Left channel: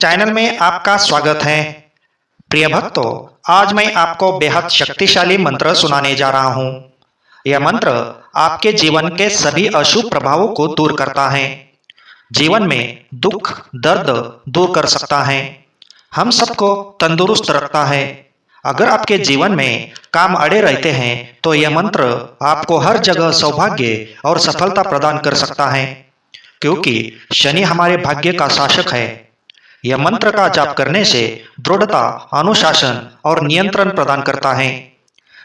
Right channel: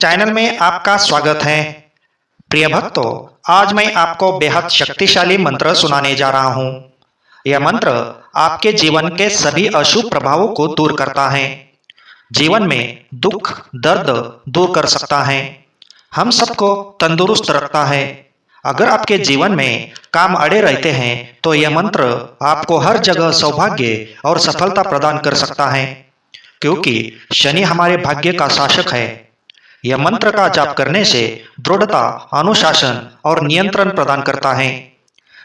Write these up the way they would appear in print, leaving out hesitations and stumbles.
Channel में आपका स्वागत है। प्रिय भक्तों, आज मैं आपको बेहद शक्तिशाली मंत्र सुनाने जा रहा हूँ। यह मंत्र आपके जीवन के सभी अशुभ प्रभावों को दूर करता है, जीवन में दुख दर्द दूर कर सकता है, हम सबको तंदुरुस्त रखता है। अगर आपके जीवन में काम अड़े रहते हैं तो यह मंत्र आपको हर जगह सौभाग्य और सफलता प्रदान कर सकता है, क्योंकि शनि हमारे भाग्य का शासक है। यह मंत्र का जाप करने से दृढ़ता, अनुशासन और नियंत्रण प्रदान करता है,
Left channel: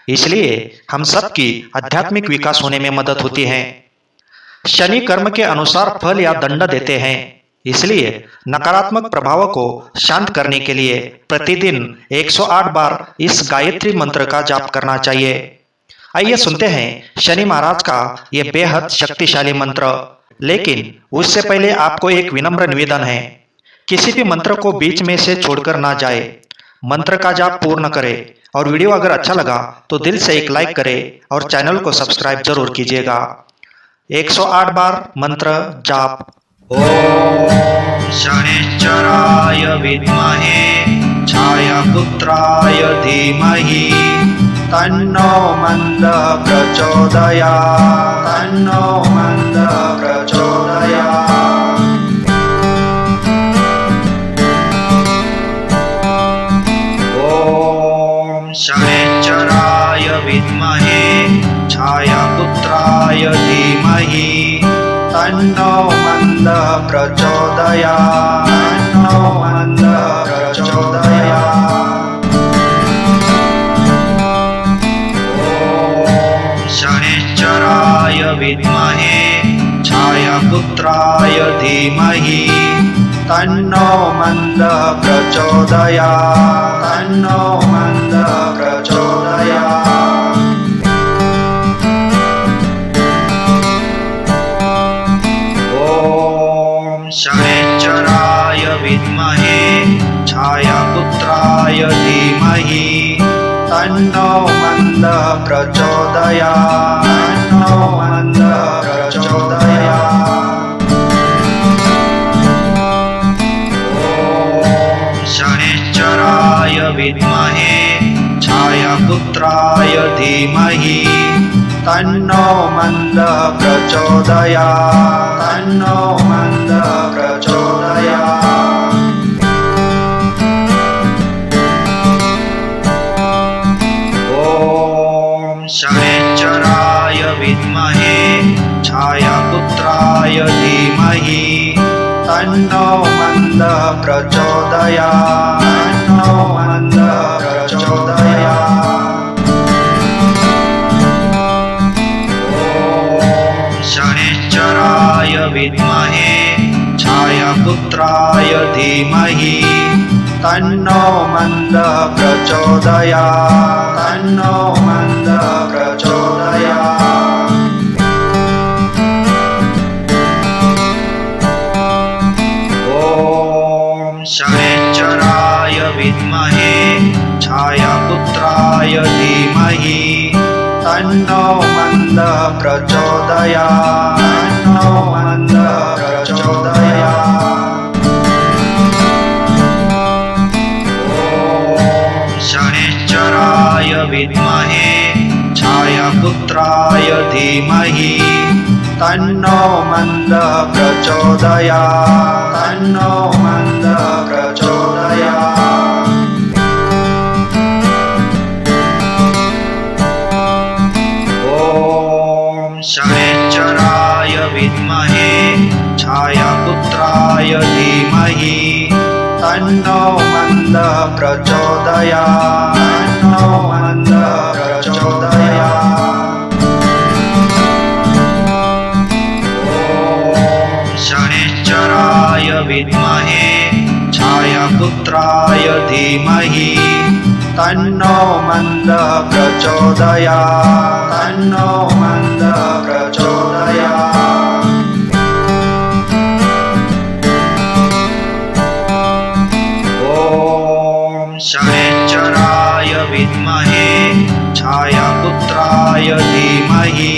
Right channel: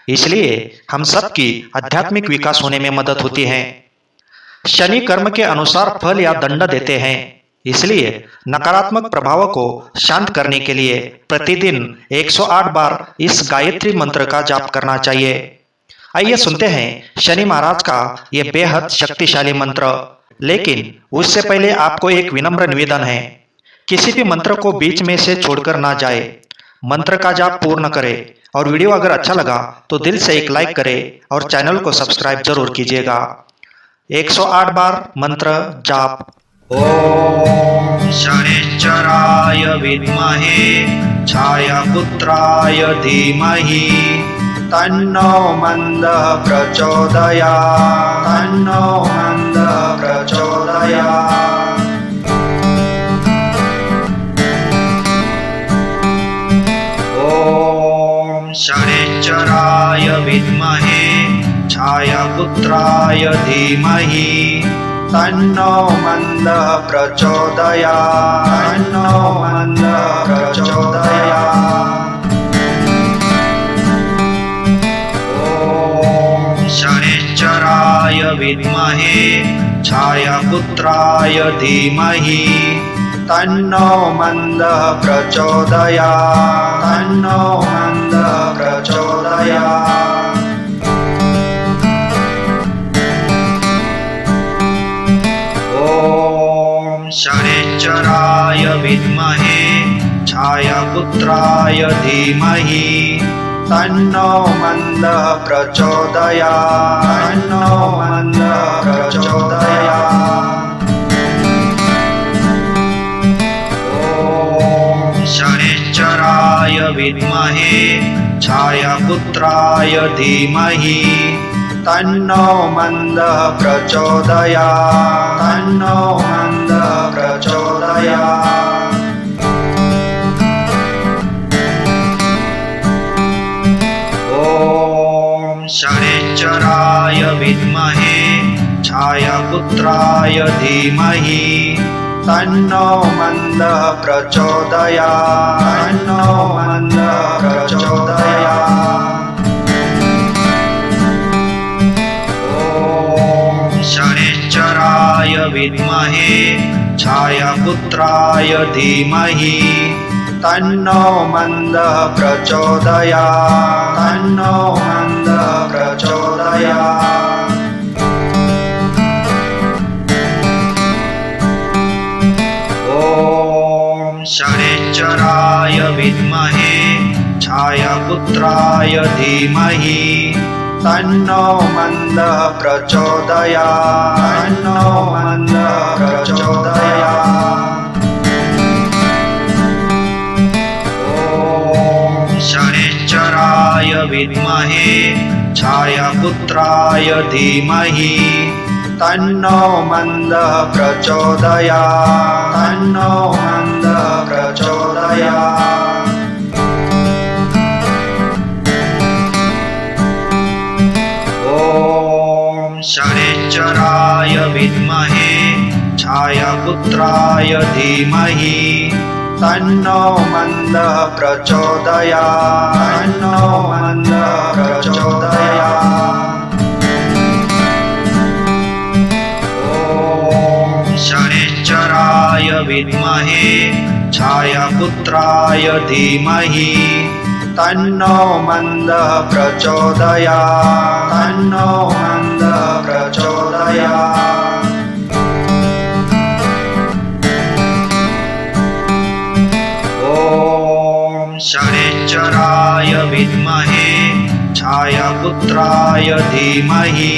इसलिए हम सबकी आध्यात्मिक विकास होने में मदद होती है। शनि कर्म के अनुसार फल या दंड देते हैं, इसलिए नकारात्मक प्रभावों को शांत करने के लिए प्रतिदिन 108 बार इस गायत्री मंत्र का जाप करना चाहिए। आइए सुनते हैं शनि महाराज का यह बेहद शक्तिशाली मंत्र। लेकिन उससे पहले आपको एक विनम्र निवेदन है, किसी भी मंत्र को बीच में से छोड़कर ना जाए। मंत्र का जाप पूर्ण करें और वीडियो अगर अच्छा लगा तो दिल से एक लाइक करें और चैनल को सब्सक्राइब जरूर कीजिएगा। 108 बार मंत्र जाप। ओम शनिश्चराय विद्महे छायापुत्राय धीमहि तन्नो मंदः प्रचोदयात्, तन्नो मंदः प्रचोदयात्। ओम शनिश्चराय विद्महे छायापुत्राय धीमहि तन्नो मंदः प्रचोदयात्, तन्नो मंदः प्रचोदयात्। ओम शनिश्चराय विद्महे छायापुत्राय धीमहि तन्नो मंदः प्रचोदयात्, तन्नो मंदः प्रचोदयात्। ओम शनिश्चराय विद्महे छायापुत्राय धीमहि तन्नो मंदः प्रचोदयात्, तन्नो मंदः प्रचोदयात्। शनिश्चराय विद्महे छायापुत्राय धीमहि तन्नो मंदः प्रचोदयात्, तन्नो मंदः प्रचोदयात्। ओम शनिश्चराय विद्महे छायापुत्राय धीमहि तन्नो मंदः प्रचोदयात्, तन्नो मंदः प्रचोदयात्। ओम शनिश्चराय विद्महे छायापुत्राय धीमहि तन्नो मंदः प्रचोदयात्, तन्नो मंदः प्रचोदयात्। ओम शनिश्चराय विद्महे छायापुत्राय धीमहि तन्नो मंदः प्रचोदयात्, तन्नो मंदः प्रचोदयात्। ओम शनिश्चराय विद्महे छायापुत्राय धीमहि तन्नो मंदः प्रचोदयात्, तन्नो मंदः प्रचोदयात्। ओम शनिश्चराय विद्महे छायापुत्राय धीमहि तन्नो मंदः प्रचोदयात्, तन्नो मंदः प्रचोदयात्। शनिश्चराय विद्महे छायापुत्राय धीमहि तन्नो मंदः प्रचोदयात्, तन्नो मंदः प्रचोदयात्। ओम शनिश्चराय विद्महे छायापुत्राय धीमहि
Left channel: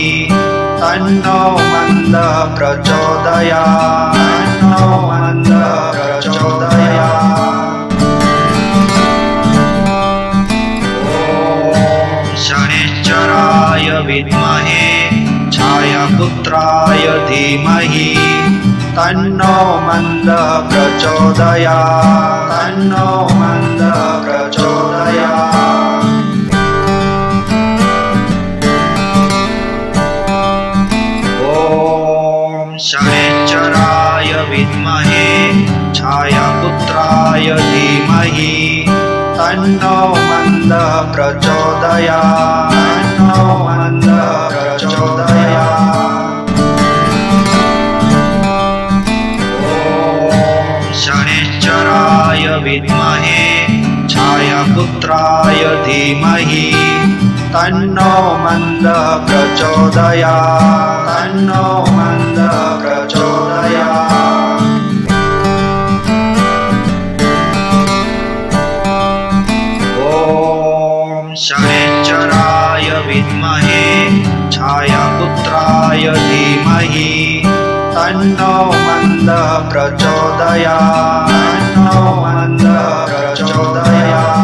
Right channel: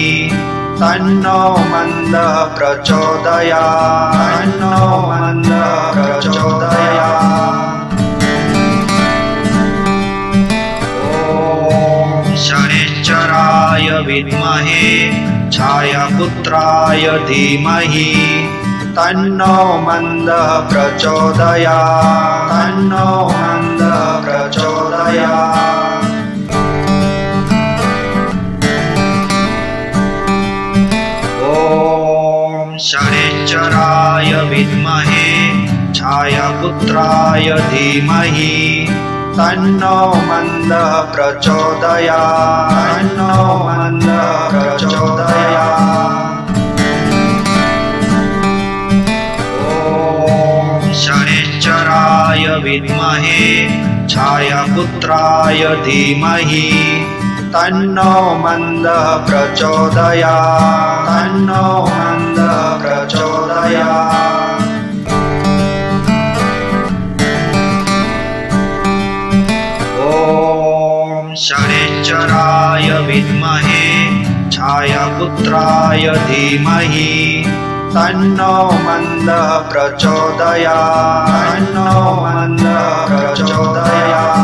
तन्नो मंदः प्रचोदयात्, तन्नो मंदः प्रचोदयात्। विद्महे छायापुत्राय धीमहि तन्नो मन्दः प्रचोदयात् तन्नो मन्दः प्रचोदयात्। ॐ शनैश्चराय विद्महे छायापुत्राय धीमहि तन्नो मन्दः प्रचोदयात् तन्नो मन्दः प्रचोदयात्। ॐ शनैश्चराय विद्महे छायापुत्राय धीमहि तन्नो मन्दः प्रचोदयात् तन्नो मन्दः प्रचोदयात्। ॐ शनैश्चराय विद्महे छायापुत्राय धीमहि तन्नो मन्दः प्रचोदयात् तन्नो मन्दः प्रचोदयात्।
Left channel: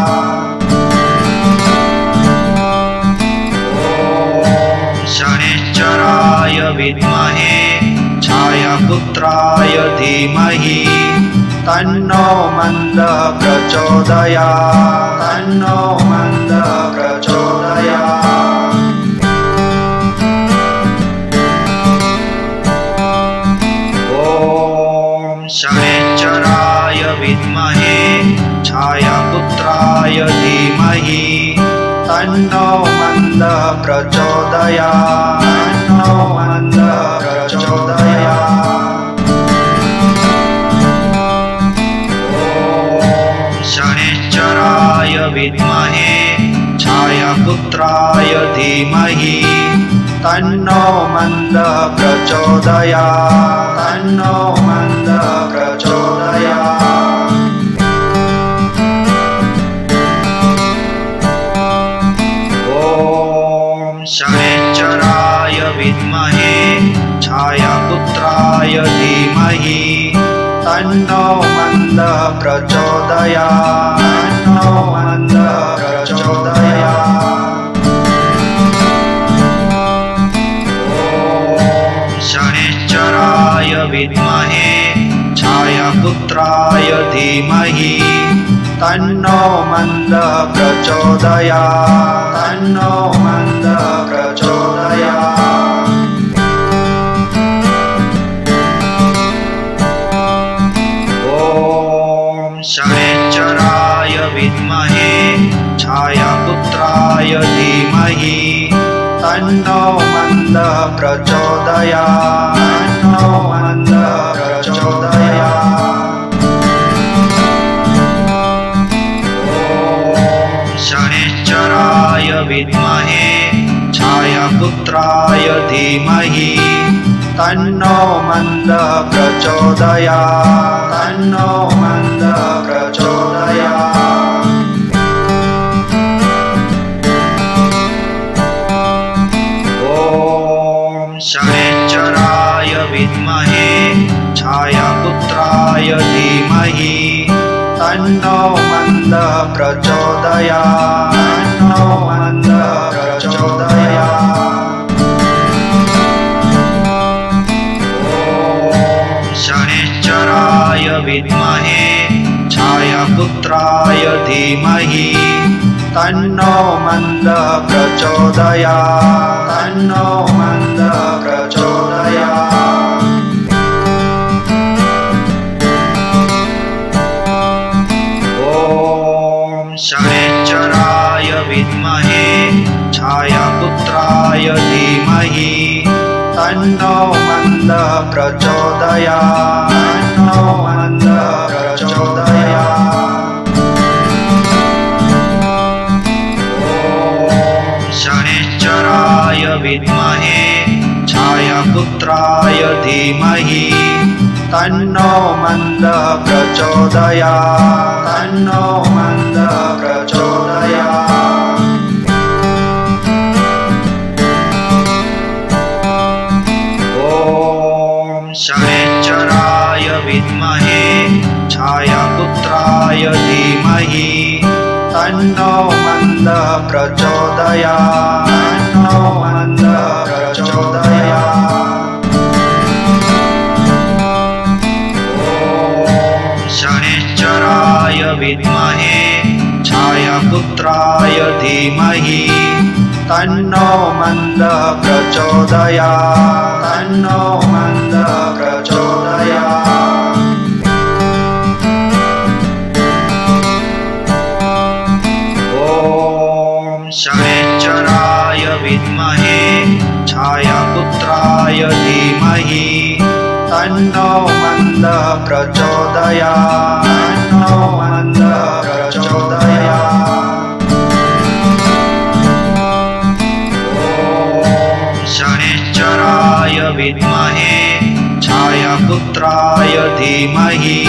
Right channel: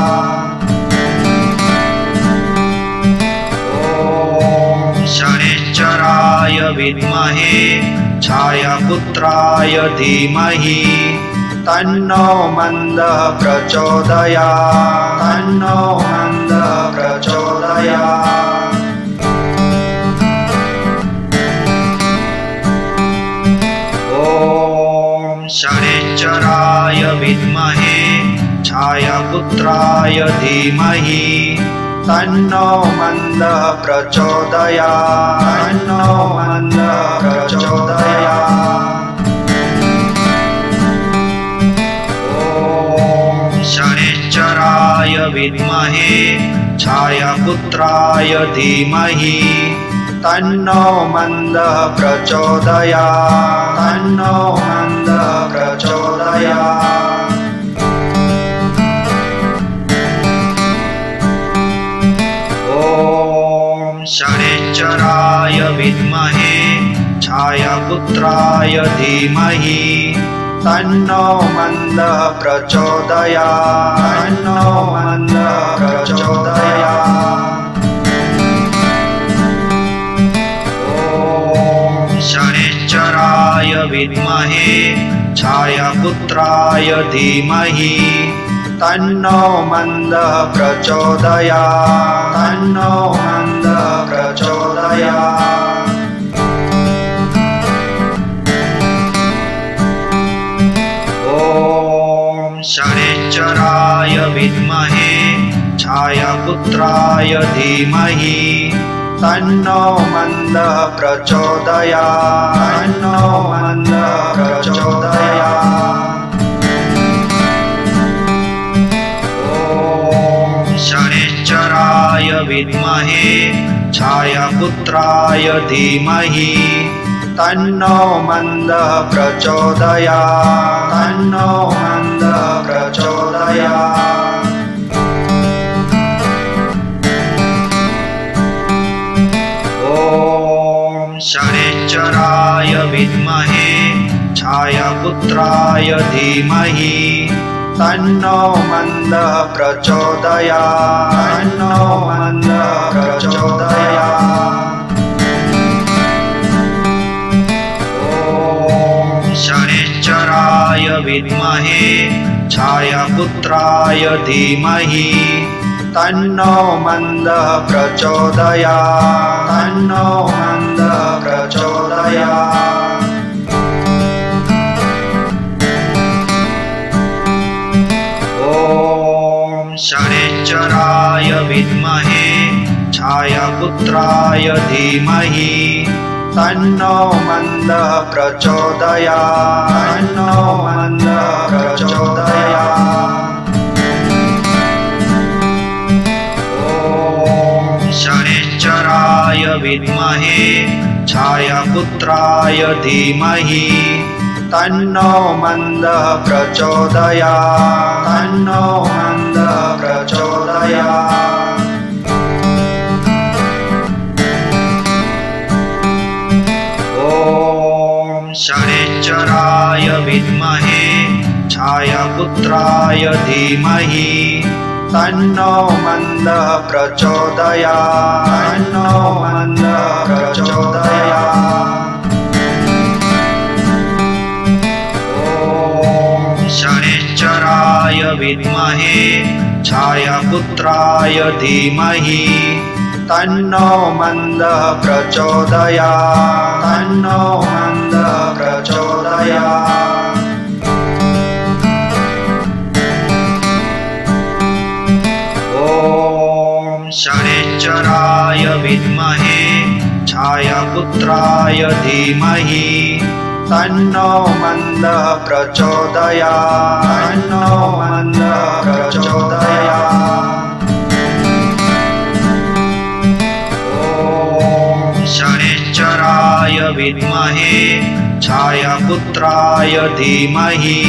ॐ शनैश्चराय विद्महे छायापुत्राय धीमहि तन्नो मन्दः प्रचोदयात् तन्नो मन्दः प्रचोदयात्। ॐ शनैश्चराय विद्महे छायापुत्राय धीमहि तन्नो मन्दः प्रचोदयात् तन्नो मन्दः प्रचोदयात्। ॐ शनैश्चराय विद्महे छायापुत्राय धीमहि तन्नो मन्दः प्रचोदयात् तन्नो मन्दः प्रचोदयात्। ॐ शनैश्चराय विद्महे छायापुत्राय धीमहि तन्नो मन्दः प्रचोदयात् तन्नो मन्दः प्रचोदयात्। ॐ शनैश्चराय विद्महे छायापुत्राय धीमहि तन्नो मन्दः प्रचोदयात् तन्नो मन्दः प्रचोदयात्। ॐ शनैश्चराय विद्महे छायापुत्राय धीमहि तन्नो मन्दः प्रचोदयात् तन्नो मन्दः प्रचोदयात्। ॐ शनैश्चराय विद्महे छायापुत्राय धीमहि तन्नो मन्दः प्रचोदयात् तन्नो मन्दः प्रचोदयात्। ॐ शनैश्चराय विद्महे छायापुत्राय धीमहि तन्नो मन्दः प्रचोदयात् तन्नो मन्दः प्रचोदयात्। ॐ शनैश्चराय विद्महे छायापुत्राय धीमहि तन्नो मन्दः प्रचोदयात् तन्नो मन्दः प्रचोदयात्। ॐ शनैश्चराय विद्महे छायापुत्राय धीमहि तन्नो मन्दः प्रचोदयात् तन्नो मन्दः प्रचोदयात्। ॐ शनैश्चराय विद्महे छायापुत्राय धीमहि तन्नो मन्दः प्रचोदयात् तन्नो मन्दः प्रचोदयात्। ॐ शनैश्चराय विद्महे छायापुत्राय धीमहि तन्नो मन्दः प्रचोदयात् तन्नो मन्दः प्रचोदयात्। ॐ शनिश्चराय विद्महे छायापुत्राय धीमहि तन्नो मन्दः प्रचोदयात् तन्नो मन्दः प्रचोदयात्। ॐ शनिश्चराय विद्महे छायापुत्राय धीमहि तन्नो मन्दः प्रचोदयात् तन्नो मन्दः प्रचोदयात्। ॐ शनिश्चराय विद्महे छायापुत्राय धीमहि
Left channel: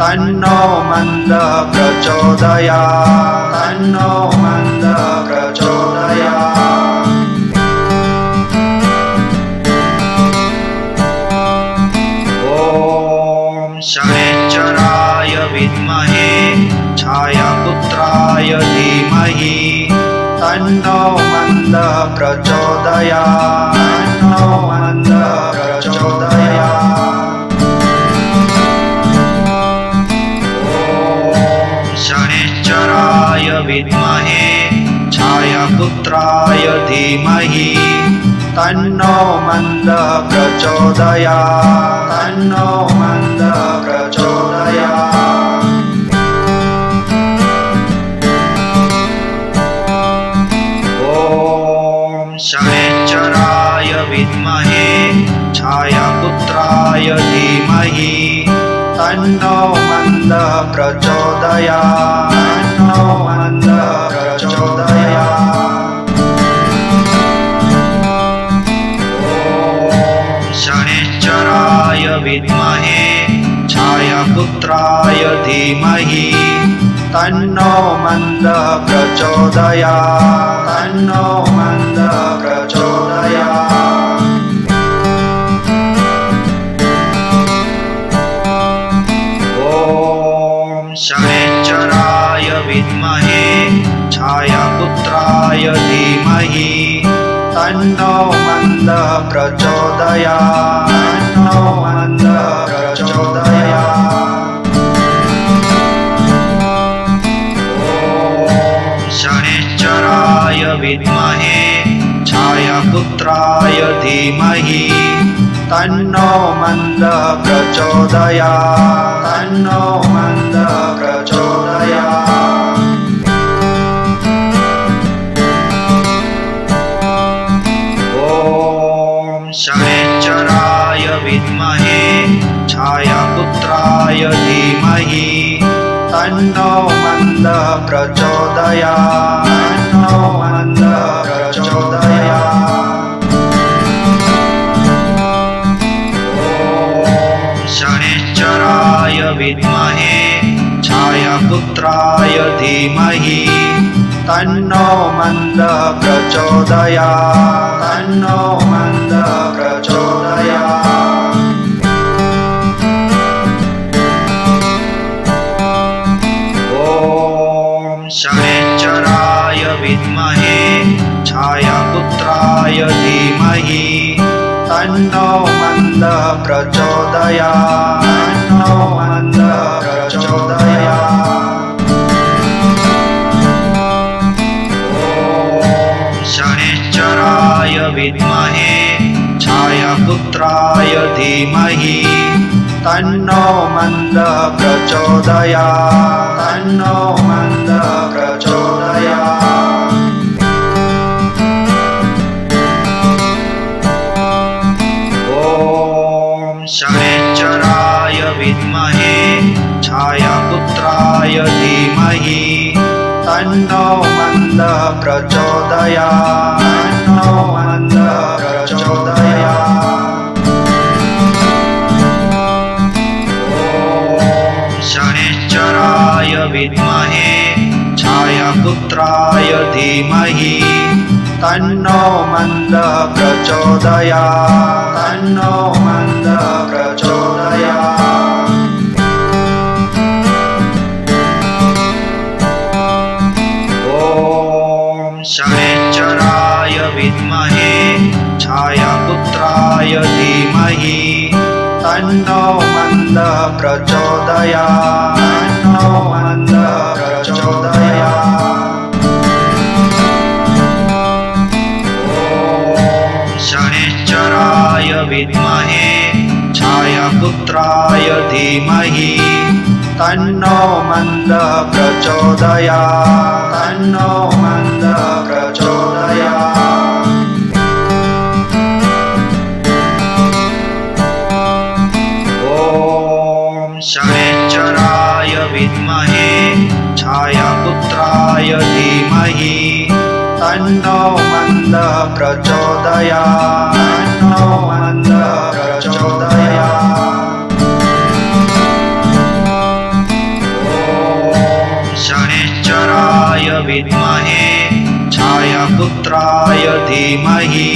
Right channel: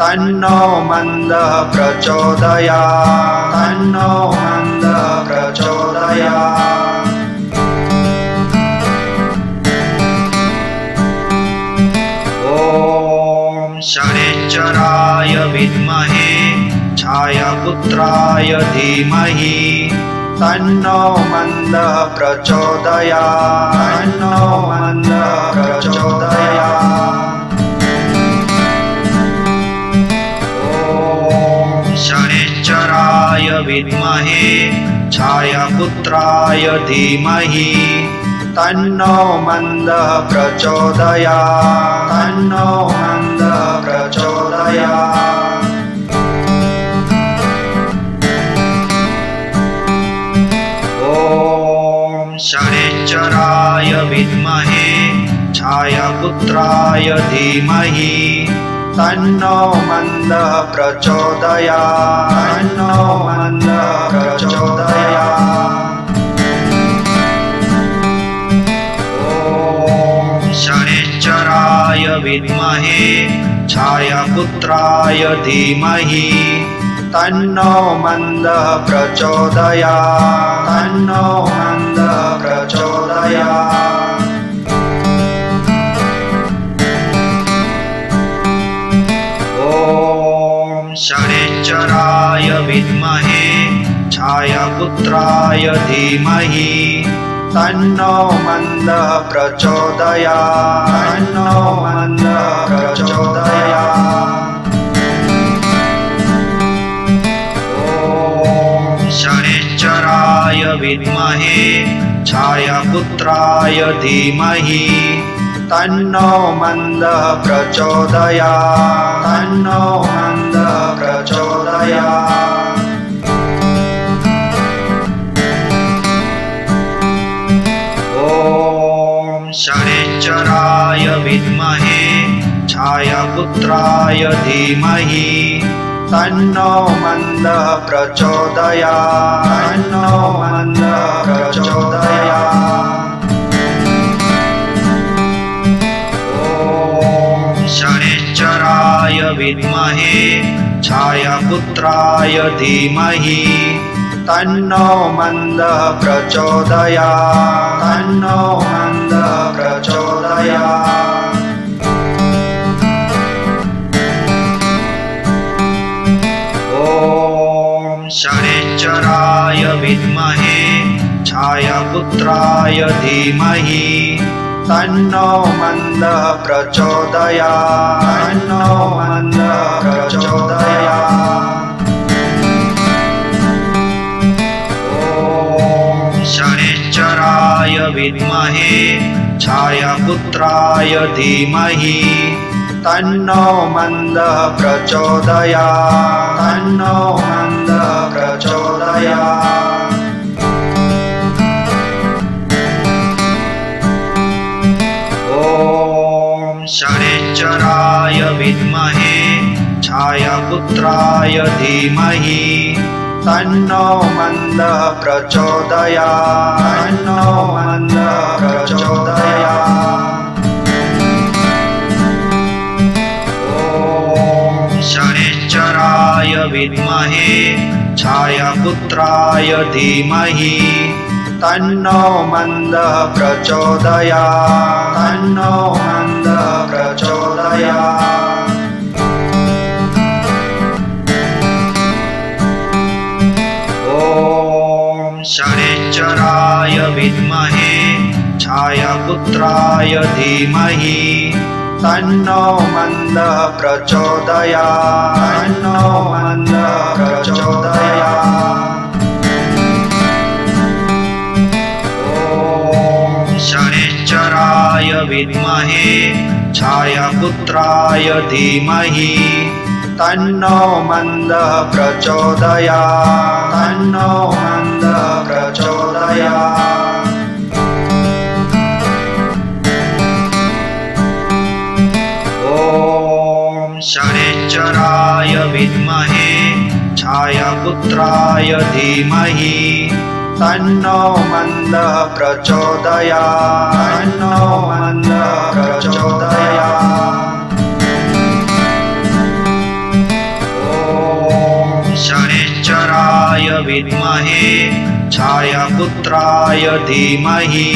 तन्नो मन्दः प्रचोदयात् तन्नो मन्दः प्रचोदयात्। ॐ शनिश्चराय विद्महे छायापुत्राय धीमहि तन्नो मन्दः प्रचोदयात् तन्नो मन्दः प्रचोदयात्। ॐ शनिश्चराय विद्महे छायापुत्राय धीमहि तन्नो मन्दः प्रचोदयात् तन्नो मन्दः प्रचोदयात्। ॐ शनिश्चराय विद्महे छायापुत्राय धीमहि तन्नो मन्दः प्रचोदयात् तन्नो मन्दः प्रचोदयात्। ॐ शनिश्चराय विद्महे छायापुत्राय धीमहि तन्नो मन्दः प्रचोदयात् तन्नो मन्दः प्रचोदयात्। ॐ शनिश्चराय विद्महे छायापुत्राय धीमहि तन्नो मन्दः प्रचोदयात् तन्नो मन्दः प्रचोदयात्। ॐ शनिश्चराय विद्महे छायापुत्राय धीमहि तन्नो मन्दः प्रचोदयात् तन्नो मन्दः प्रचोदयात्। ॐ शनिश्चराय विद्महे छायापुत्राय धीमहि तन्नो मन्दः प्रचोदयात् तन्नो मन्दः प्रचोदयात्। ॐ शनिश्चराय विद्महे छायापुत्राय धीमहि तन्नो मन्दः प्रचोदयात् तन्नो मन्दः प्रचोदयात्। ॐ शनिश्चराय विद्महे छायापुत्राय धीमहि तन्नो मन्दः प्रचोदयात् तन्नो मन्दः प्रचोदयात्। ॐ शनिश्चराय विद्महे छायापुत्राय धीमहि तन्नो मन्दः प्रचोदयात् तन्नो मन्दः प्रचोदयात्। ॐ शनिश्चराय विद्महे छायापुत्राय धीमहि तन्नो मन्दः प्रचोदयात् तन्नो मन्दः प्रचोदयात्। ॐ शनिश्चराय विद्महे छायापुत्राय धीमहि तन्नो मन्दः प्रचोदयात् तन्नो मन्दः प्रचोदयात्। शनैश्चराय विद्महे छायापुत्राय धीमहि तन्नो मन्दः प्रचोदयात् तन्नो मन्दः प्रचोदयात्। ॐ शनैश्चराय विद्महे छायापुत्राय धीमहि तन्नो मन्दः प्रचोदयात् तन्नो मन्दः प्रचोदयात्। ॐ शनैश्चराय विद्महे छायापुत्राय धीमहि तन्नो मन्दः प्रचोदयात् तन्नो मन्दः प्रचोदयात्। ॐ शनैश्चराय विद्महे छायापुत्राय धीमहि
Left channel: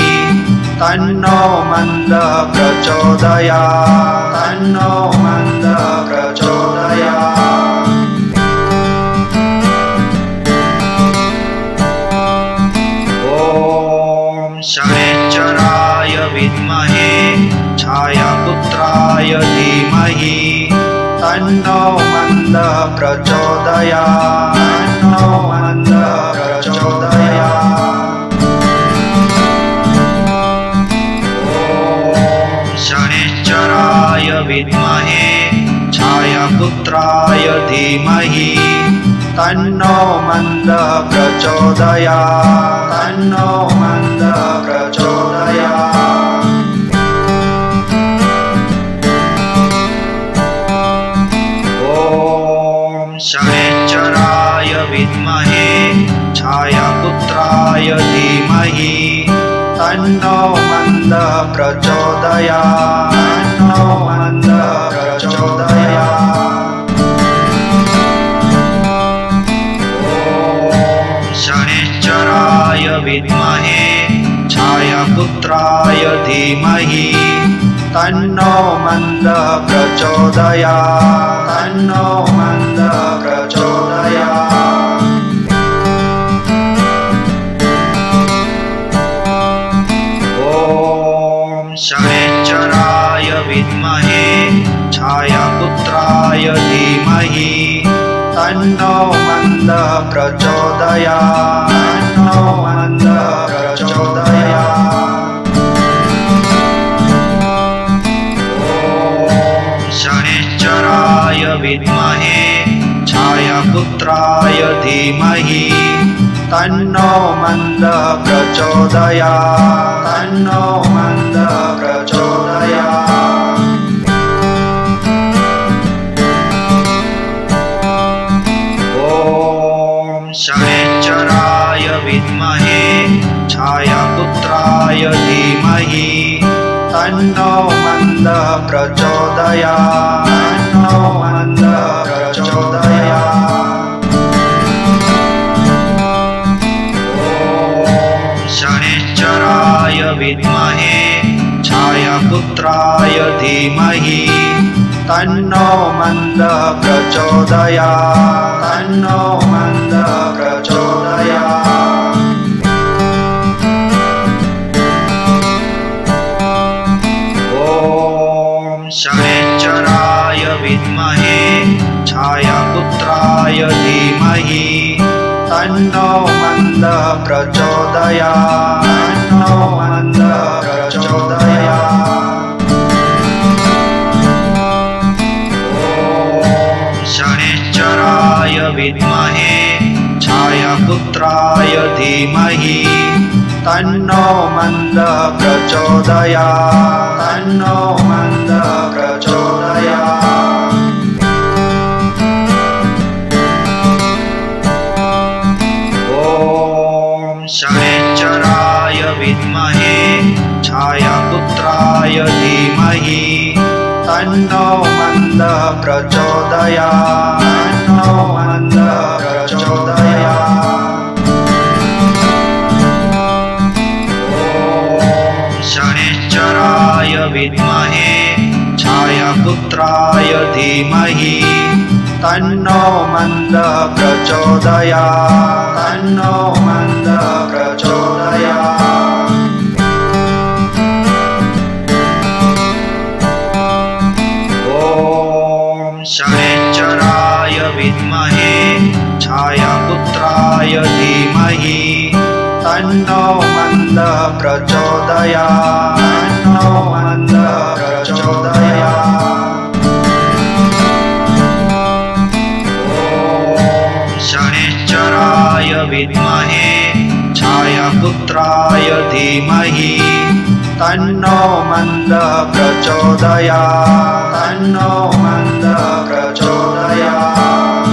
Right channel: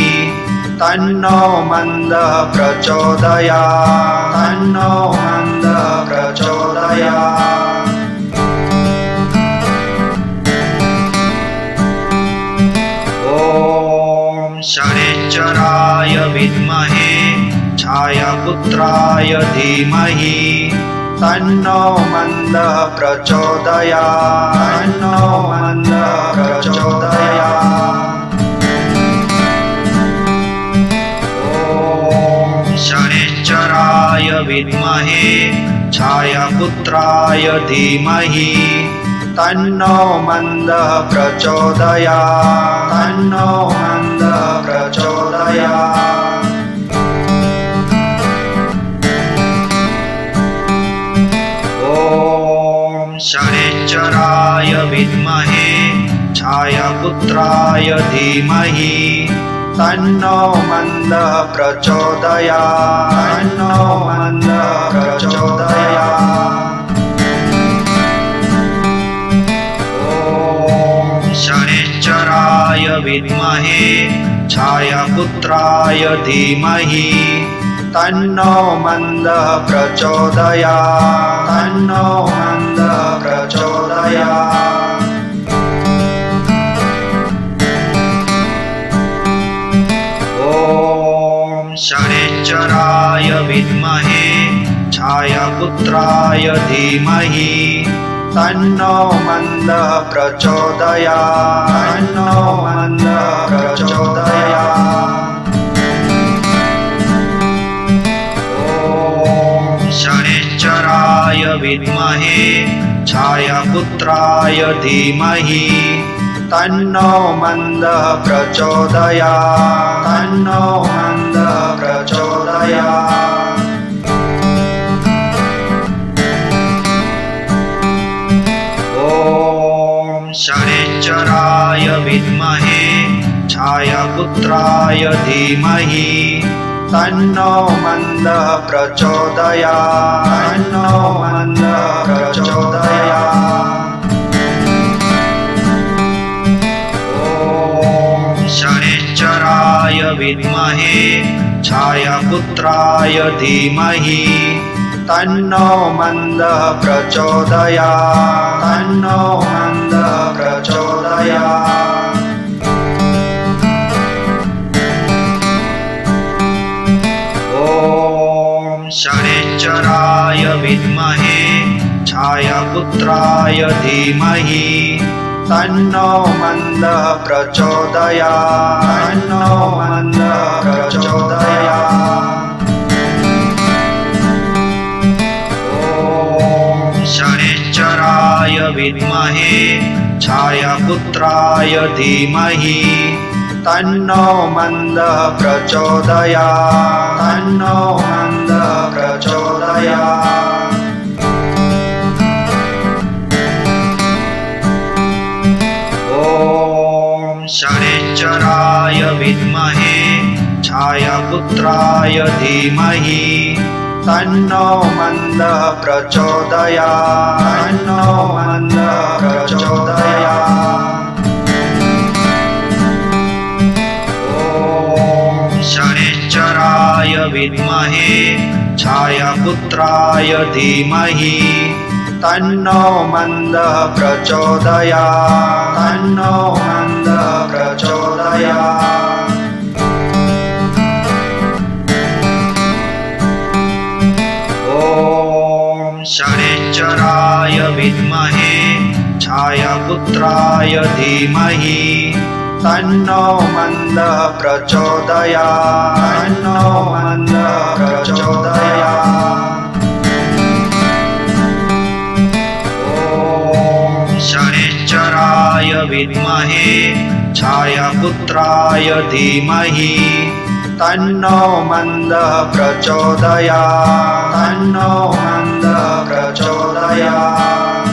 तन्नो मन्दः प्रचोदयात् तन्नो मन्दः प्रचोदयात्। ॐ शनैश्चराय विद्महे छायापुत्राय धीमहि तन्नो मन्दः प्रचोदयात् तन्नो मन्दः प्रचोदयात्। ॐ शनैश्चराय विद्महे छायापुत्राय धीमहि तन्नो मन्दः प्रचोदयात् तन्नो मन्दः प्रचोदयात्। ॐ शनैश्चराय विद्महे छायापुत्राय धीमहि तन्नो मन्दः प्रचोदयात् तन्नो मन्दः प्रचोदयात्। ॐ शनैश्चराय विद्महे छायापुत्राय धीमहि तन्नो मन्दः प्रचोदयात् तन्नो मन्दः प्रचोदयात्। ॐ शनैश्चराय विद्महे छायापुत्राय धीमहि तन्नो मन्दः प्रचोदयात् तन्नो मन्दः प्रचोदयात्। ॐ शनैश्चराय विद्महे छायापुत्राय धीमहि तन्नो मन्दः प्रचोदयात् तन्नो मन्दः प्रचोदयात्। ॐ शनैश्चराय विद्महे छायापुत्राय धीमहि तन्नो मन्दः प्रचोदयात् तन्नो मन्दः प्रचोदयात्। ॐ शनैश्चराय विद्महे छायापुत्राय धीमहि तन्नो मन्दः प्रचोदयात् तन्नो मन्दः प्रचोदयात्। ॐ शनैश्चराय विद्महे छायापुत्राय धीमहि तन्नो मन्दः प्रचोदयात् तन्नो मन्दः प्रचोदयात्। ॐ शनैश्चराय विद्महे छायापुत्राय धीमहि तन्नो मन्दः प्रचोदयात् तन्नो मन्दः प्रचोदयात्। ॐ शनैश्चराय विद्महे छायापुत्राय धीमहि तन्नो मन्दः प्रचोदयात् तन्नो मन्दः प्रचोदयात्। ॐ शनैश्चराय विद्महे छायापुत्राय धीमहि तन्नो मन्दः प्रचोदयात् तन्नो मन्दः प्रचोदयात्। ॐ शनैश्चराय विद्महे छायापुत्राय धीमहि तन्नो मन्दः प्रचोदयात् तन्नो मन्दः प्रचोदयात्। ॐ शनैश्चराय विद्महे छायापुत्राय धीमहि तन्नो मन्दः प्रचोदयात् तन्नो मन्दः प्रचोदयात्।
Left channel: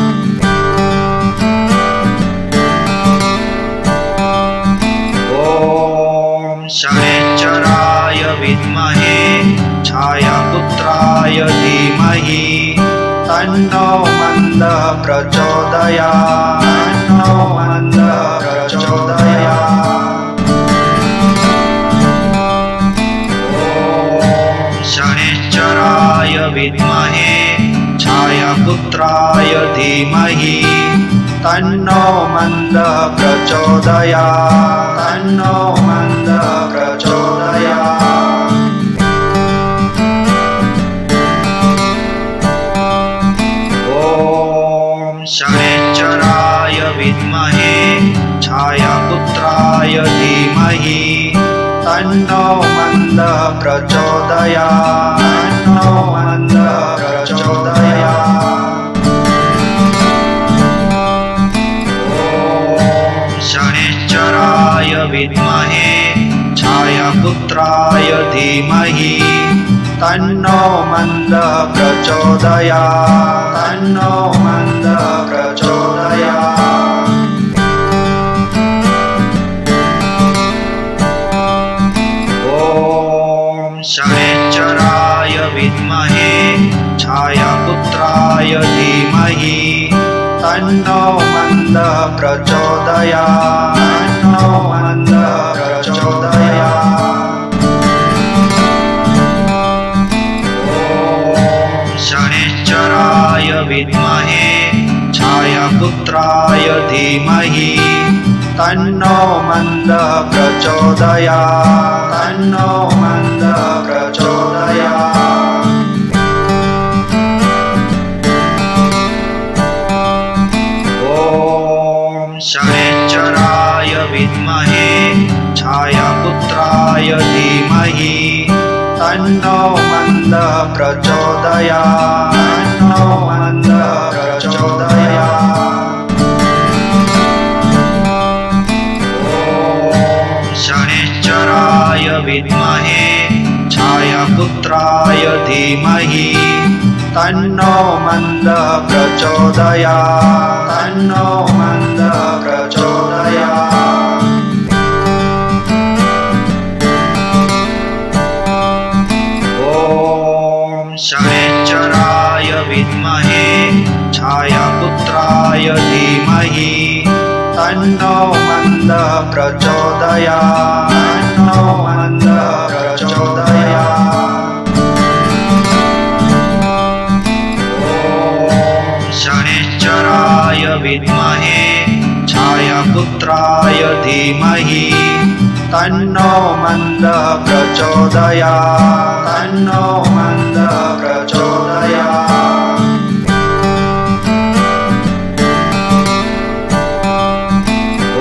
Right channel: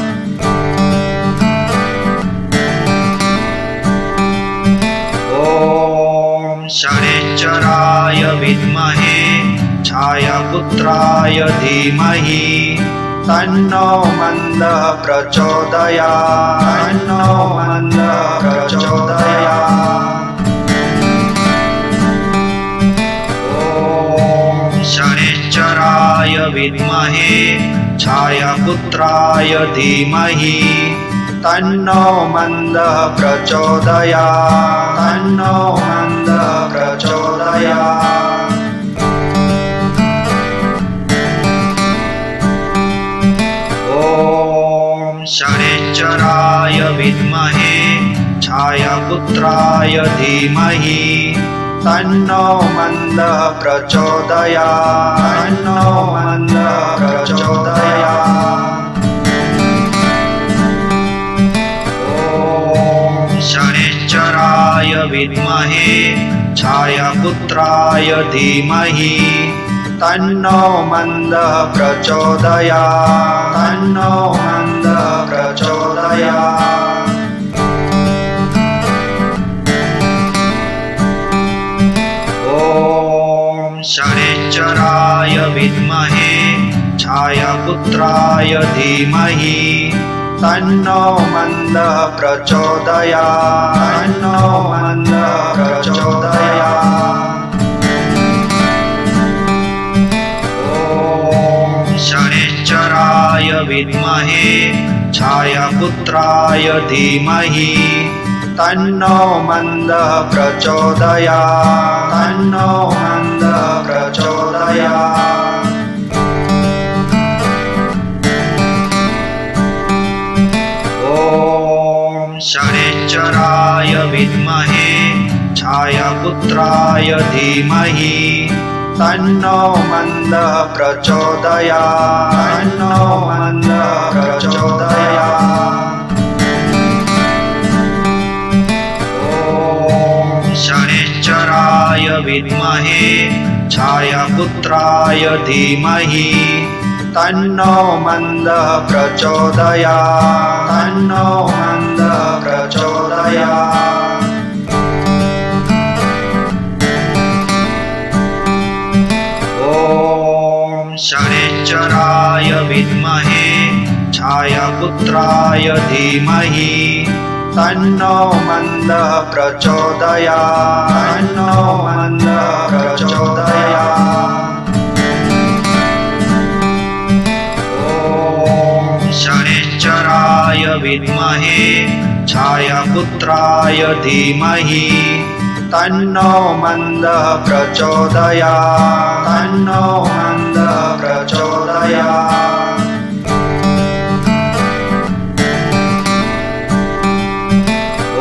ॐ शनैश्चराय विद्महे छायापुत्राय धीमहि तन्नो मन्दः प्रचोदयात् तन्नो मन्दः प्रचोदयात्। ॐ शनैश्चराय विद्महे छायापुत्राय धीमहि तन्नो मन्दः प्रचोदयात् तन्नो मन्दः प्रचोदयात्। ॐ शनैश्चराय विद्महे छायापुत्राय धीमहि तन्नो मन्दः प्रचोदयात् तन्नो मन्दः प्रचोदयात्। ॐ शनैश्चराय विद्महे छायापुत्राय धीमहि तन्नो मन्दः प्रचोदयात् तन्नो मन्दः प्रचोदयात्। ॐ शनैश्चराय विद्महे छायापुत्राय धीमहि तन्नो मन्दः प्रचोदयात् तन्नो मन्दः प्रचोदयात्। ॐ शनैश्चराय विद्महे छायापुत्राय धीमहि तन्नो मन्दः प्रचोदयात् तन्नो मन्दः प्रचोदयात्। ॐ शनैश्चराय विद्महे छायापुत्राय धीमहि तन्नो मन्दः प्रचोदयात् तन्नो मन्दः प्रचोदयात्। ॐ शनैश्चराय विद्महे छायापुत्राय धीमहि तन्नो मन्दः प्रचोदयात् तन्नो मन्दः प्रचोदयात्। ॐ शनैश्चराय विद्महे छायापुत्राय धीमहि तन्नो मन्दः प्रचोदयात् तन्नो मन्दः प्रचोदयात्। ॐ शनैश्चराय विद्महे छायापुत्राय धीमहि तन्नो मन्दः प्रचोदयात् तन्नो मन्दः प्रचोदयात्।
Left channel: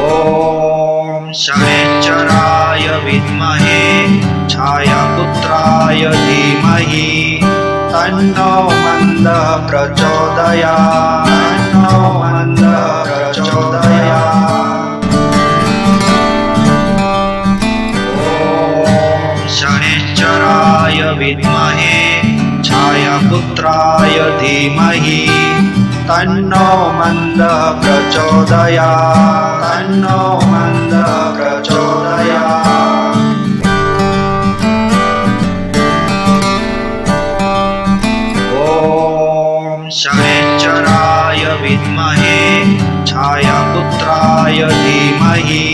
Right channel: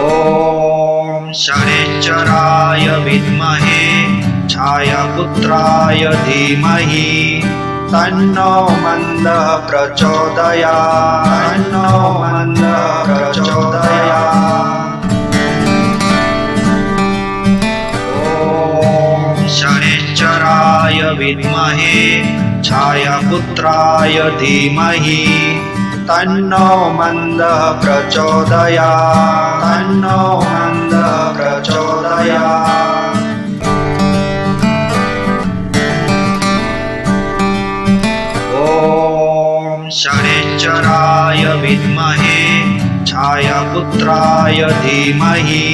ॐ शनैश्चराय विद्महे छायापुत्राय धीमहि तन्नो मन्दः प्रचोदयात् तन्नो मन्दः प्रचोदयात्। ॐ शनैश्चराय विद्महे छायापुत्राय धीमहि तन्नो मन्दः प्रचोदयात् तन्नो मन्दः प्रचोदयात्। ॐ शनैश्चराय विद्महे छायापुत्राय धीमहि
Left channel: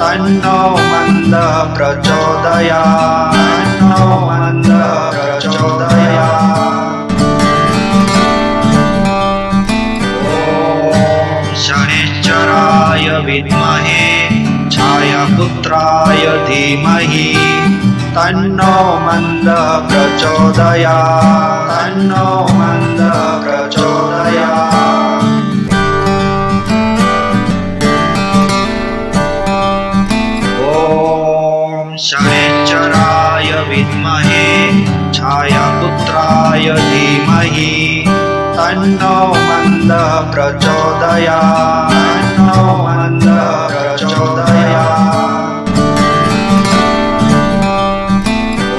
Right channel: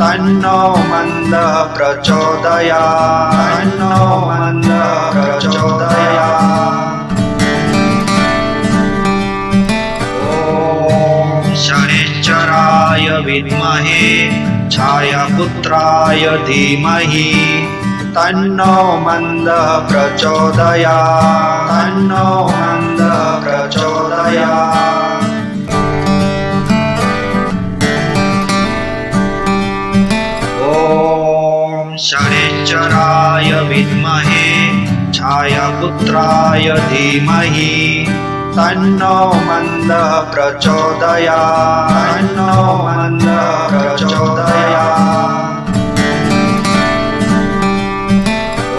तन्नो मन्दः प्रचोदयात् तन्नो मन्दः प्रचोदयात्। शनिश्चराय विद्महे छायापुत्राय धीमहि तन्नो मन्दः प्रचोदयात् तन्नो मन्दः प्रचोदयात्। ॐ शनिश्चराय विद्महे छायापुत्राय धीमहि तन्नो मन्दः प्रचोदयात् तन्नो मन्दः प्रचोदयात्।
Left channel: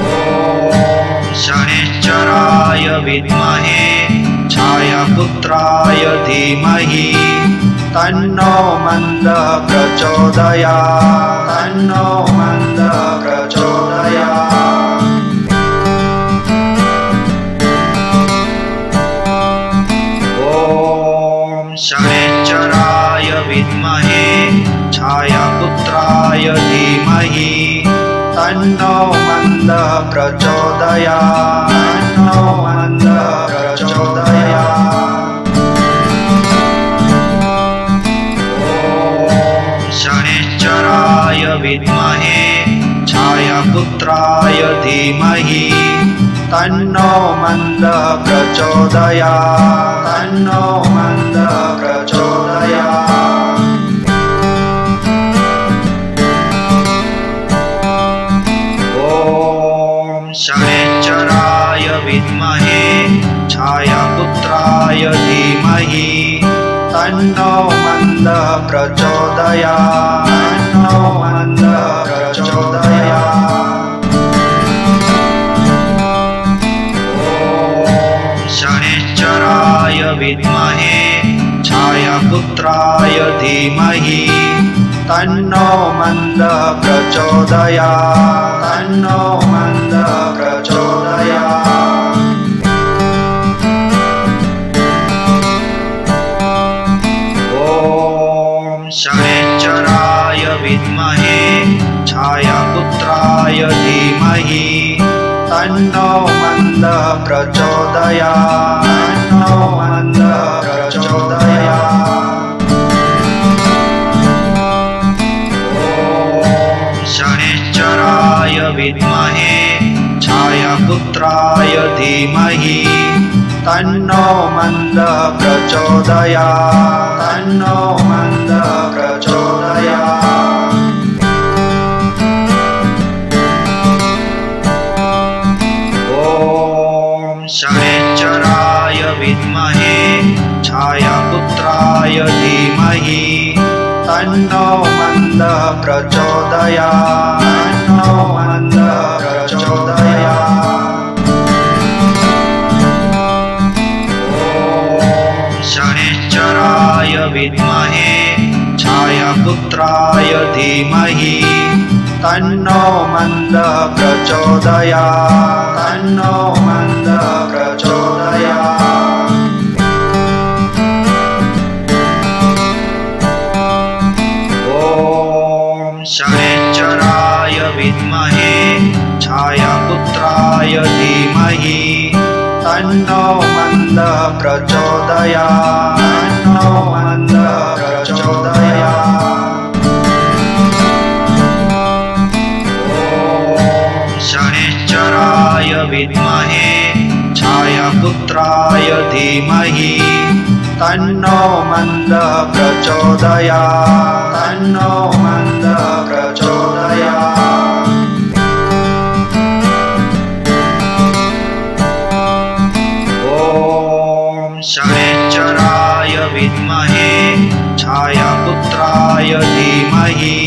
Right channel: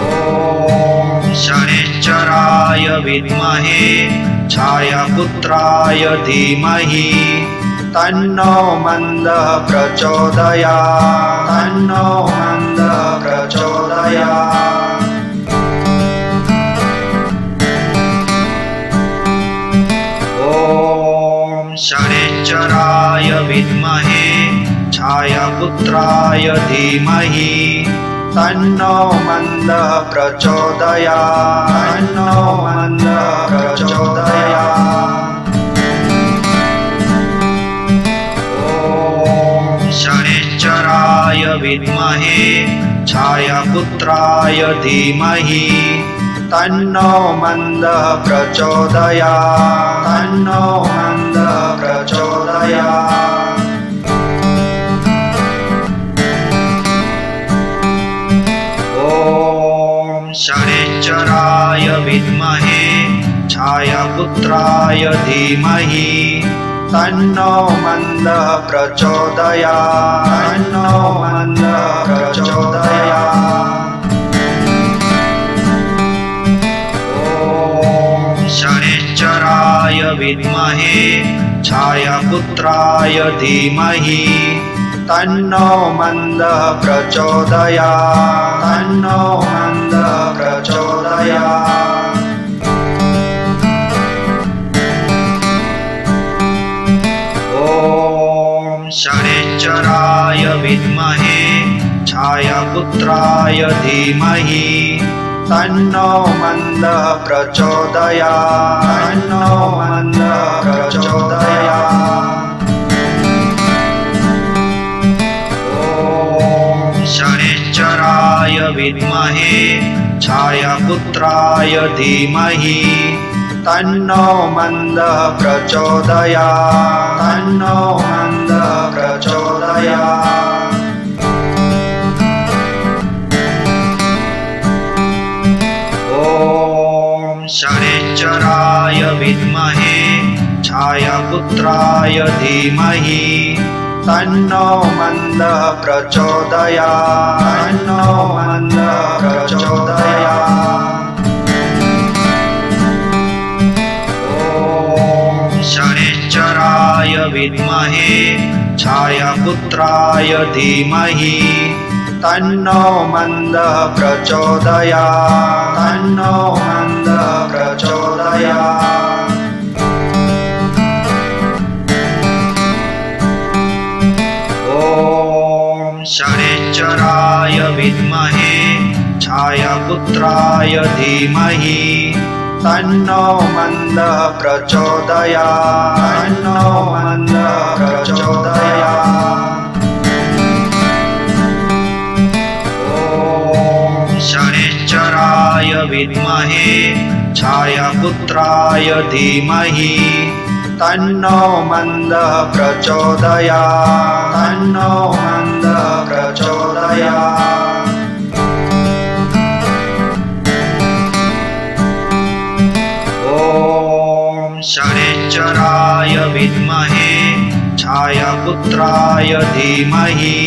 ॐ शनिश्चराय विद्महे छायापुत्राय धीमहि तन्नो मन्दः प्रचोदयात् तन्नो मन्दः प्रचोदयात्। ॐ शनिश्चराय विद्महे छायापुत्राय धीमहि तन्नो मन्दः प्रचोदयात् तन्नो मन्दः प्रचोदयात्। ॐ शनिश्चराय विद्महे छायापुत्राय धीमहि तन्नो मन्दः प्रचोदयात् तन्नो मन्दः प्रचोदयात्। ॐ शनिश्चराय विद्महे छायापुत्राय धीमहि तन्नो मन्दः प्रचोदयात् तन्नो मन्दः प्रचोदयात्। ॐ शनिश्चराय विद्महे छायापुत्राय धीमहि तन्नो मन्दः प्रचोदयात् तन्नो मन्दः प्रचोदयात्। ॐ शनिश्चराय विद्महे छायापुत्राय धीमहि तन्नो मन्दः प्रचोदयात् तन्नो मन्दः प्रचोदयात्। ॐ शनिश्चराय विद्महे छायापुत्राय धीमहि तन्नो मन्दः प्रचोदयात् तन्नो मन्दः प्रचोदयात्। ॐ शनिश्चराय विद्महे छायापुत्राय धीमहि तन्नो मन्दः प्रचोदयात् तन्नो मन्दः प्रचोदयात्। ॐ शनिश्चराय विद्महे छायापुत्राय धीमहि तन्नो मन्दः प्रचोदयात् तन्नो मन्दः प्रचोदयात्। ॐ शनिश्चराय विद्महे छायापुत्राय धीमहि तन्नो मन्दः प्रचोदयात् तन्नो मन्दः प्रचोदयात्। ॐ शनिश्चराय विद्महे छायापुत्राय धीमहि तन्नो मन्दः प्रचोदयात् तन्नो मन्दः प्रचोदयात्। ॐ शनिश्चराय विद्महे छायापुत्राय धीमहि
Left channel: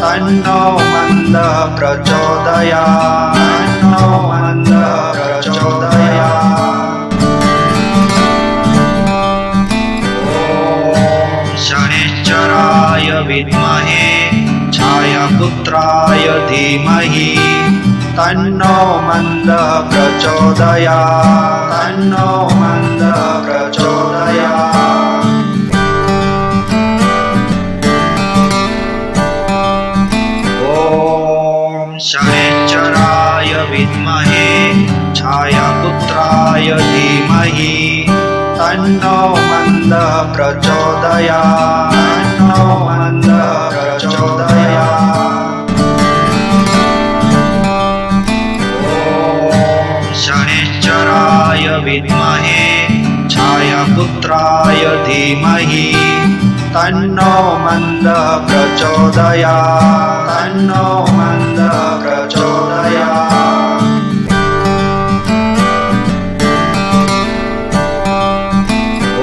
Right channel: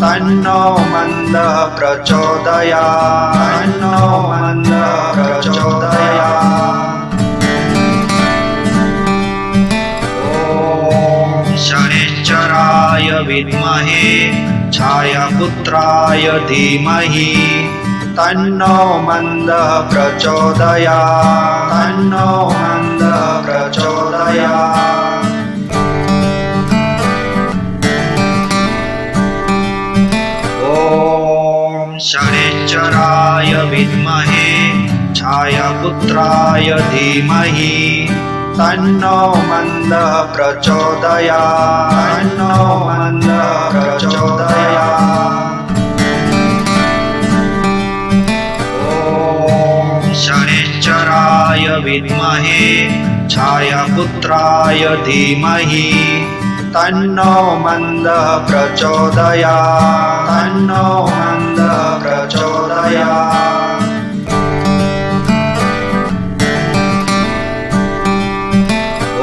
तन्नो मन्दः प्रचोदयात् तन्नो मन्दः प्रचोदयात्। ॐ शनिश्चराय विद्महे छायापुत्राय धीमहि तन्नो मन्दः प्रचोदयात् तन्नो मन्दः प्रचोदयात्। ॐ शनिश्चराय विद्महे छायापुत्राय धीमहि तन्नो मन्दः प्रचोदयात् तन्नो मन्दः प्रचोदयात्। ॐ शनिश्चराय विद्महे छायापुत्राय धीमहि तन्नो मन्दः प्रचोदयात् तन्नो मन्दः प्रचोदयात्।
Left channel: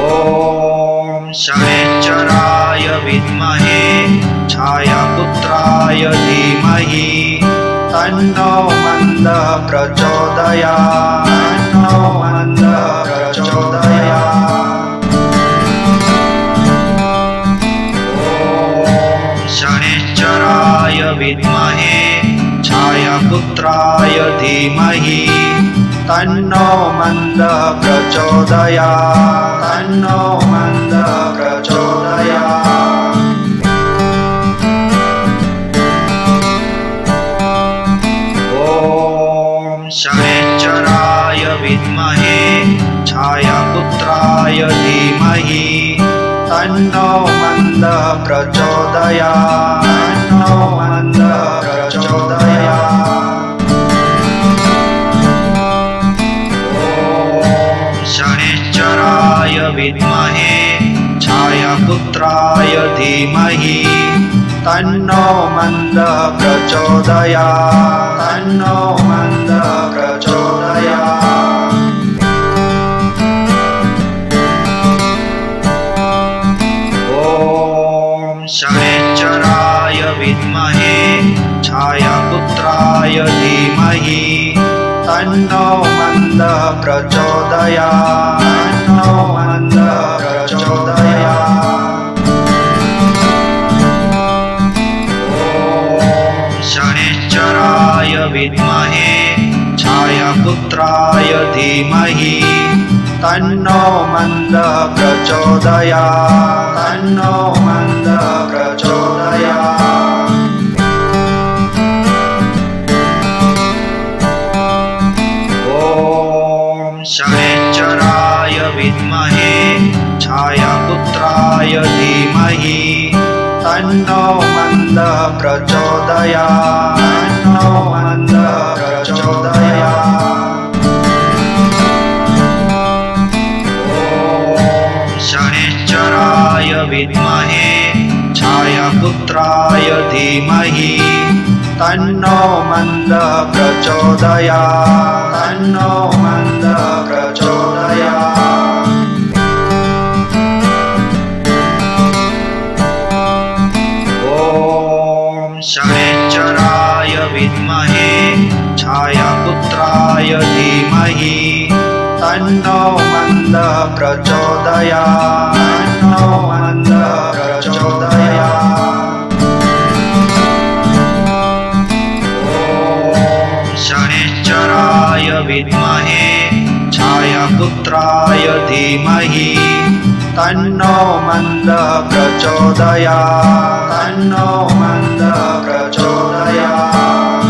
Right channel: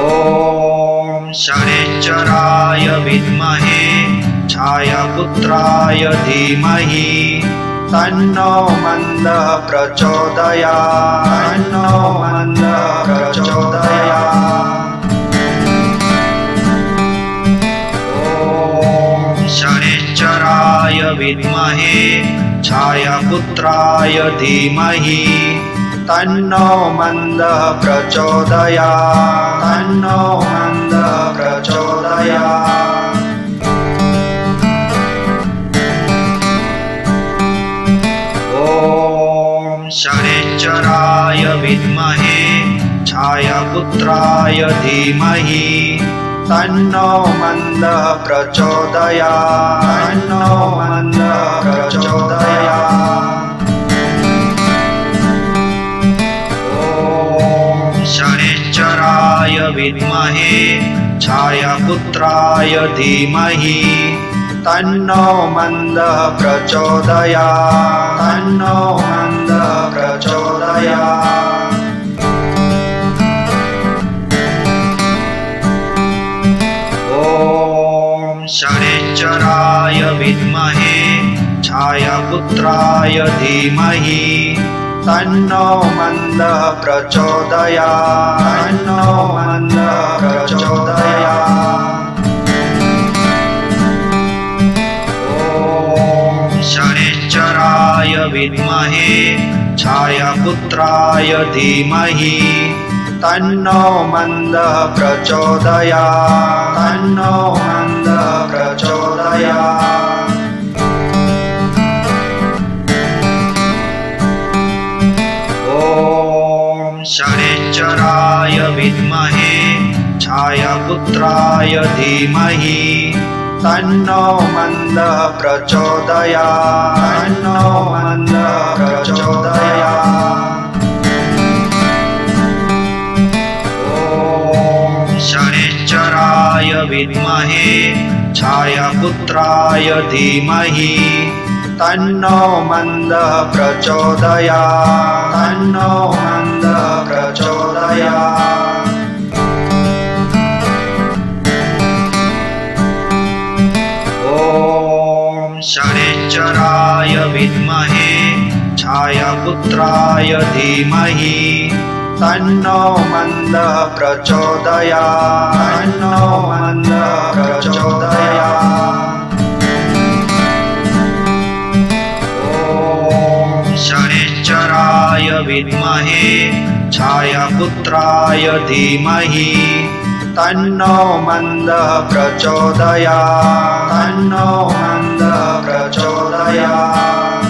ॐ शनिश्चराय विद्महे छायापुत्राय धीमहि तन्नो मन्दः प्रचोदयात् तन्नो मन्दः प्रचोदयात्। ॐ शनिश्चराय विद्महे छायापुत्राय धीमहि तन्नो मन्दः प्रचोदयात् तन्नो मन्दः प्रचोदयात्। ॐ शनिश्चराय विद्महे छायापुत्राय धीमहि तन्नो मन्दः प्रचोदयात् तन्नो मन्दः प्रचोदयात्। ॐ शनिश्चराय विद्महे छायापुत्राय धीमहि तन्नो मन्दः प्रचोदयात् तन्नो मन्दः प्रचोदयात्। ॐ शनिश्चराय विद्महे छायापुत्राय धीमहि तन्नो मन्दः प्रचोदयात् तन्नो मन्दः प्रचोदयात्। ॐ शनिश्चराय विद्महे छायापुत्राय धीमहि तन्नो मन्दः प्रचोदयात् तन्नो मन्दः प्रचोदयात्। ॐ शनिश्चराय विद्महे छायापुत्राय धीमहि तन्नो मन्दः प्रचोदयात् तन्नो मन्दः प्रचोदयात्। ॐ शनिश्चराय विद्महे छायापुत्राय धीमहि तन्नो मन्दः प्रचोदयात् तन्नो मन्दः प्रचोदयात्। ॐ शनिश्चराय विद्महे छायापुत्राय धीमहि तन्नो मन्दः प्रचोदयात् तन्नो मन्दः प्रचोदयात्। ॐ शनिश्चराय विद्महे छायापुत्राय धीमहि तन्नो मन्दः प्रचोदयात् तन्नो मन्दः प्रचोदयात्।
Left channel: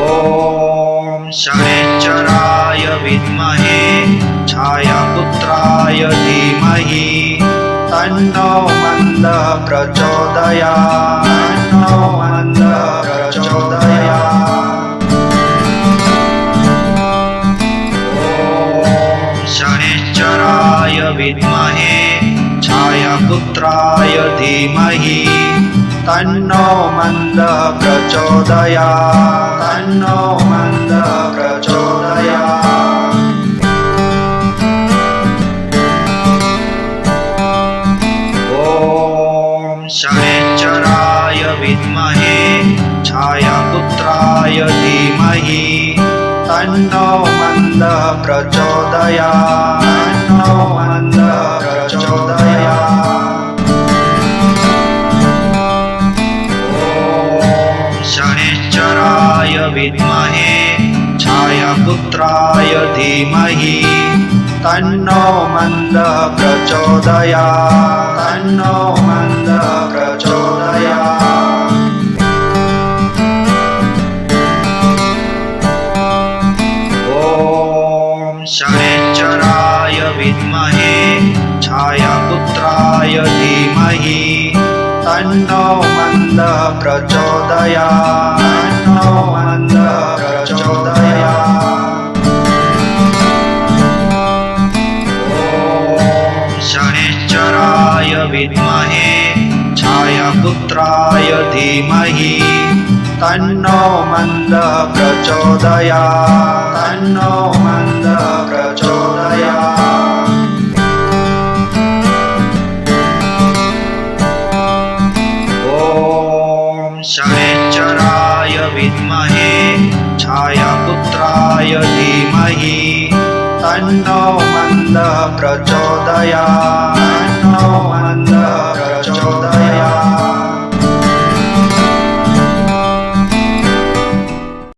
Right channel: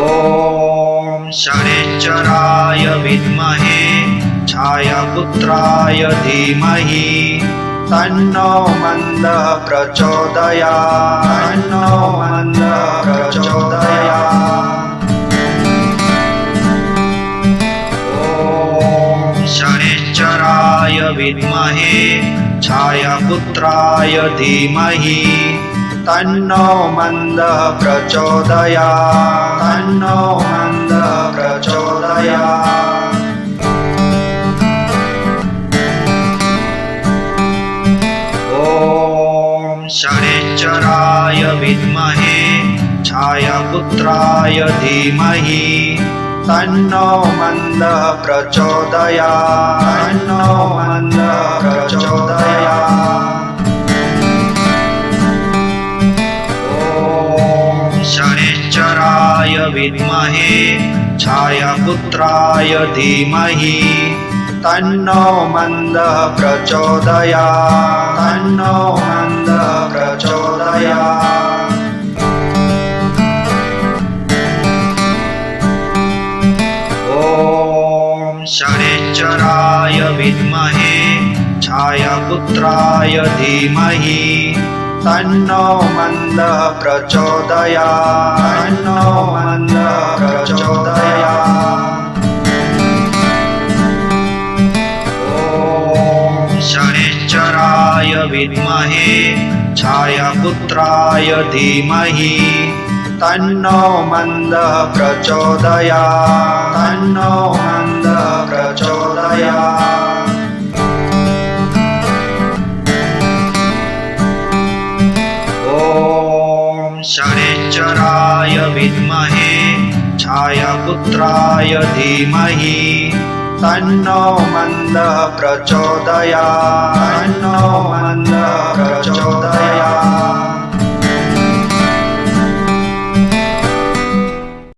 ॐ शनिश्चराय विद्महे छायापुत्राय धीमहि तन्नो मन्दः प्रचोदयात् तन्नो मन्दः प्रचोदयात्। ॐ शनिश्चराय विद्महे छायापुत्राय धीमहि तन्नो मन्दः प्रचोदयात् तन्नो मन्दः प्रचोदयात्। ॐ शनिश्चराय विद्महे छायापुत्राय धीमहि तन्नो मन्दः प्रचोदयात् तन्नो मन्दः प्रचोदयात्। ॐ शनिश्चराय विद्महे छायापुत्राय धीमहि तन्नो मन्दः प्रचोदयात् तन्नो मन्दः प्रचोदयात्। शनैश्चराय विद्महे छायापुत्राय धीमहि तन्नो मन्दः प्रचोदयात् तन्नो मन्दः प्रचोदयात्। ॐ शनैश्चराय विद्महे छायापुत्राय धीमहि तन्नो मन्दः प्रचोदयात् तन्नो मन्दः प्रचोदयात्। ॐ शनैश्चराय विद्महे छायापुत्राय धीमहि तन्नो मन्दः प्रचोदयात् तन्नो मन्दः प्रचोदयात्।